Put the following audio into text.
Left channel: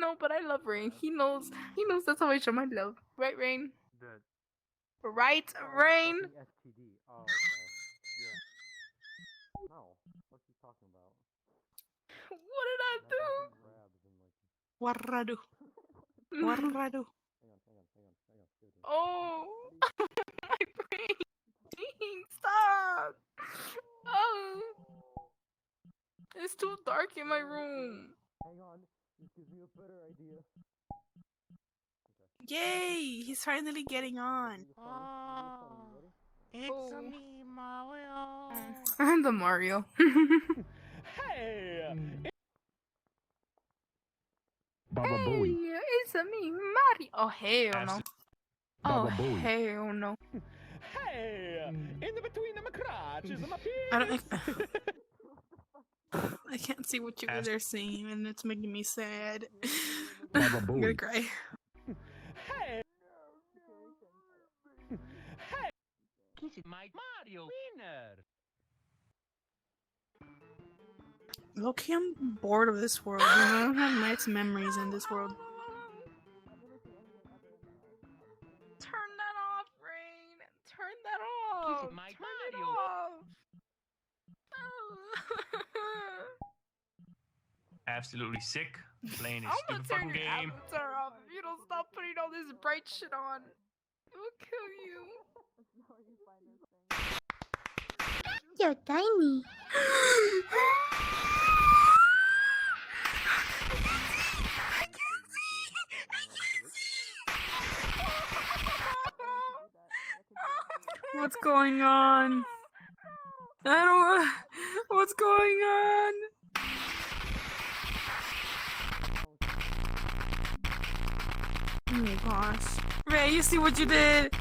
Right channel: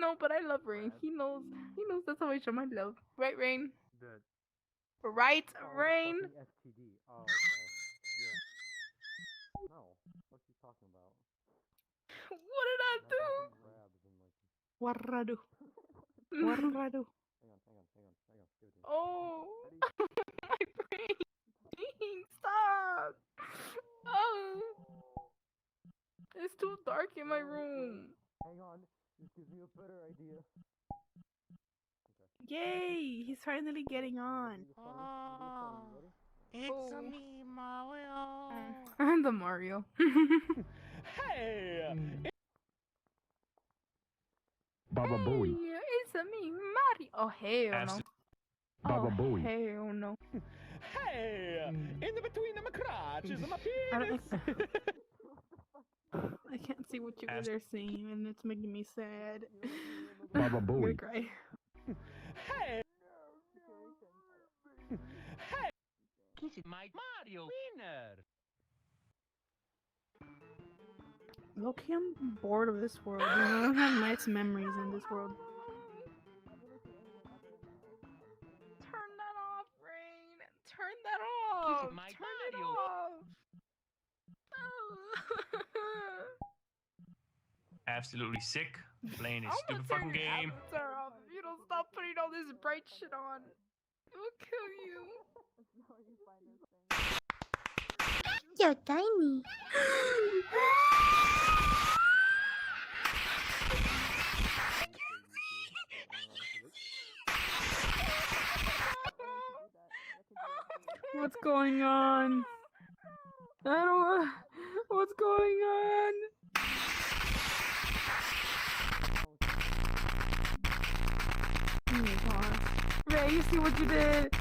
No, but I love Rain. He knows. He knows that's how I show my love. Right, Rain? The Right, Rain? fucking STD. Oh, okay. Yeah. No. What's he talking about? What did I do? Crabs and like. What did I do? What did I do? Hang on. Dude. Oh, my brain. Stop. Oh, it's too dark in my room. Hang on. This gives me a better idea. Yay! He's finally getting on. It's Oh. me, Mario. I'm the Mario. Hey! Baba Hey, Booey. it's me, Mario. Oh, hell no. Baba Oh, Booey. hell no. Hey! In the between of my crotches and my I don't. penis. I can't see what you guys are saying, and it's making me sad. Baba I'm gonna Booey. cry. Hey! Hey! Kiss my Mario winner. Okay, I'm bored of this world. And I don't have nice memories in this world. Turn that off, Rain. Turn that off. Kiss my Turn it Mario. off. Absolutely sick. Playing this I'ma stupid turn fucking your game. avatar off if you don't stop putting all this bright shit on. It will kill you. You're tiny. What's going on? I don't. What's going on? Oh my gosh. Ray, you see what you did?